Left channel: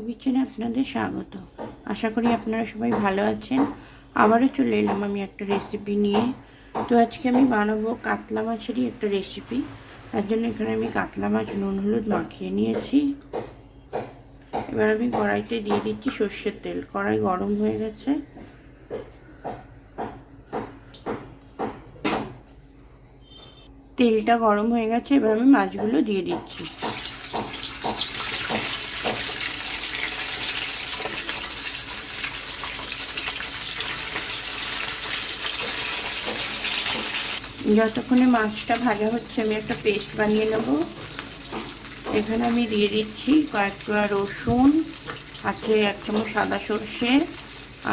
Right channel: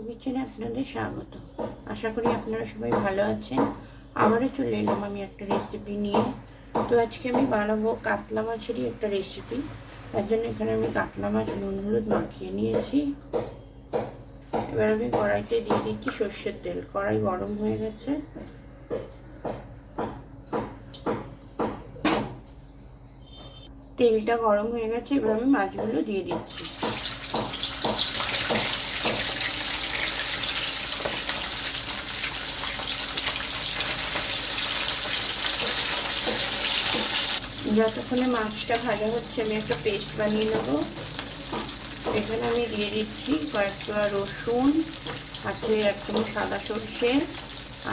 অপু কিচেনে আপনাদের স্বাগত। আশা করি আপনারা সবাই ভালো আছেন। আবারও চলে এলাম আমি একটা রেসিপি নিয়ে। তো আজকে আমি বানাবো কাতলা মাছেরই একটা রেসিপি। তার জন্য এখানে আমি কাতলা মাছ নুন হলুদ মাখিয়ে নিয়েছি। এবার আমি কড়াইতে দিয়ে দিচ্ছি সর্ষের তেল। কড়াই গরম হয়ে গেছে, তেলটা গরম হয়ে গেছে। এবার আমি মাছগুলো দিয়ে দিচ্ছি। যতক্ষণে মাছটা ভাজা হচ্ছে আমি একটা পেস্ট বানিয়ে নেব। এখানে আমি দিয়ে দিচ্ছি কয়েকটা রসুন, আছে 1 চামচ সাদা সর্ষে,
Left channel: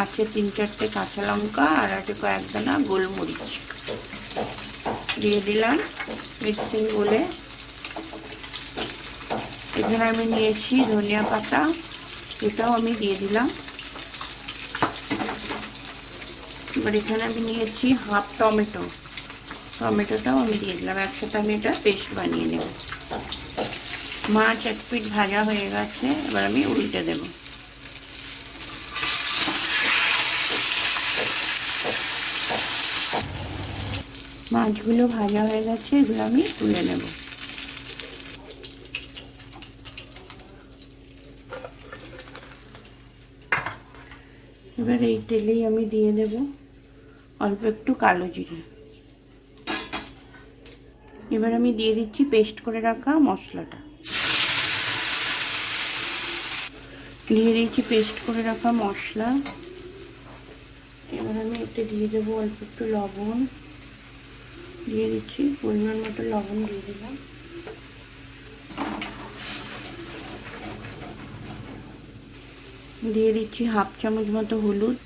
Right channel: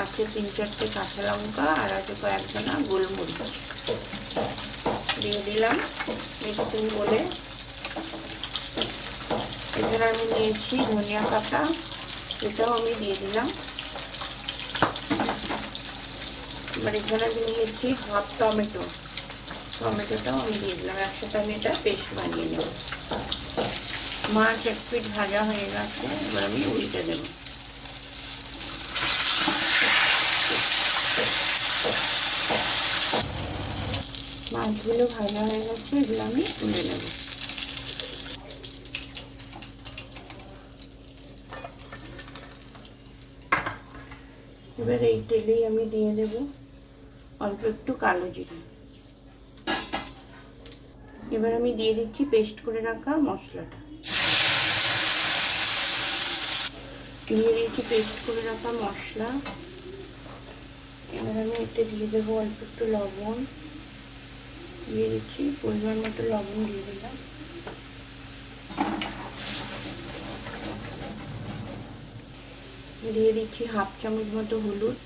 আছে 3-4টে কাঁচা লঙ্কা, আর আছে কয়েকদানা গোলমরিচ দিয়ে দিলাম মিক্সিং বলে। এখানে আমি নিয়েছি ধনিয়া পাতা, এটাও আমি দিয়ে দিলাম। এবার এখানে আমি নিয়েছি হাফ টমেটো, টমেটোটাও আমি দিয়ে দিলাম। একসাথে আমি এটা পেস্ট বানিয়ে নেব। মাছ 1 পিঠ ভাজা হয়ে গেছে, এবার আমি উল্টে দেব। মাছগুলো ভাজা হয়ে গেছে, এগুলো আমি তুলে নেব। এবার এই তেলেই আমি দিয়ে দেব অল্প একটু কালো জিরে। এবার আমি দিয়ে দিচ্ছি পেস্ট করে রাখা মশলাটা, দিয়ে দিচ্ছি পেস্ট করে রাখা মশলা। এবার আমি এতে দিয়ে দেবো অল্প একটু লবণ, দিয়ে দিচ্ছি পরিমাণ মতো লবণ দিয়ে দিলাম। দিয়ে দিচ্ছি হাফ চামচ মতো হলুদ,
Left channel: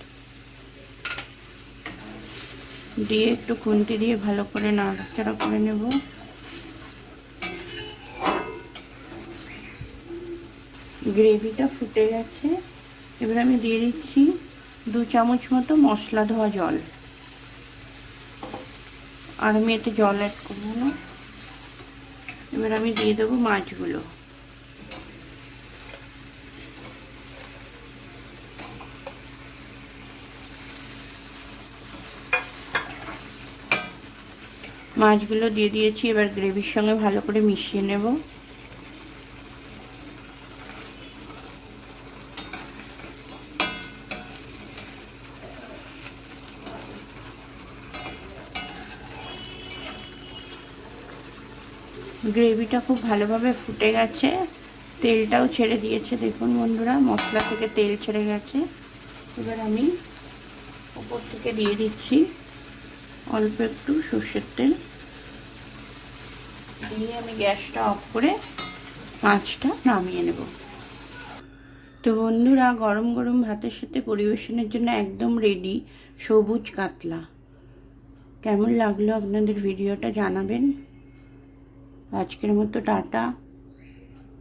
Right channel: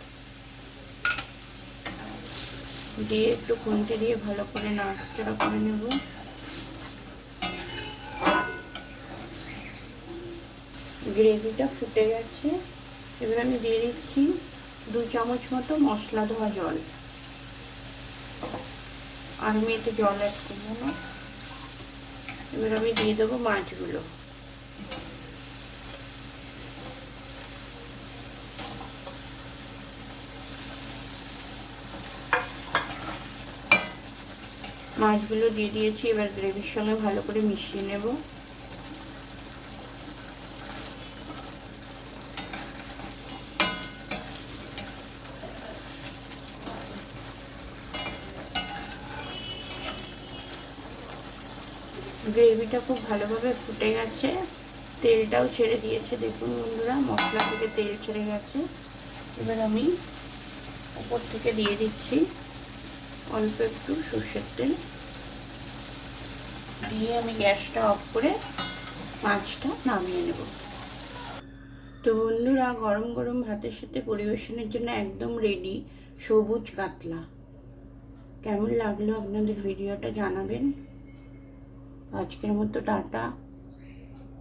দিয়ে একটু খুন্তি দিয়ে ভালো করে নাড়াচাড়া করে নেব। গ্রেভিটা ফুটে গেছে, এবার আমি দিয়ে দিচ্ছি 2 চামচ মতো মশলা ধোয়া জল, আর আমি এতে জল অ্যাড করবো না। এবার আমি দিয়ে দেবো মাছগুলো। মাছগুলো দিয়ে দিয়েছি, এবার গ্রেভির সঙ্গে ভালো করে মিশিয়ে নেব। গ্রেভিটা খুব ভালোভাবে ফুটে গেছে, তেলটাও ছেড়ে দিয়েছে। দেখুন বন্ধুরা, মশলা থেকে তেল ছেড়ে গেছে। এবার আমি উপর থেকে দিয়ে দিচ্ছি অল্প একটু সর্ষের তেল, দিয়ে আমি গ্যাসটা অফ করে মাছটা নামিয়ে নেব। তো বন্ধুরা, গরম গরম ভাতের সাথে পরিবেশনের জন্য একদম রেডি সবুজ কাতলা। কেমন লাগলো আপনাদের ভিডিওটা জানাবেন। আজকের মতো টাটা।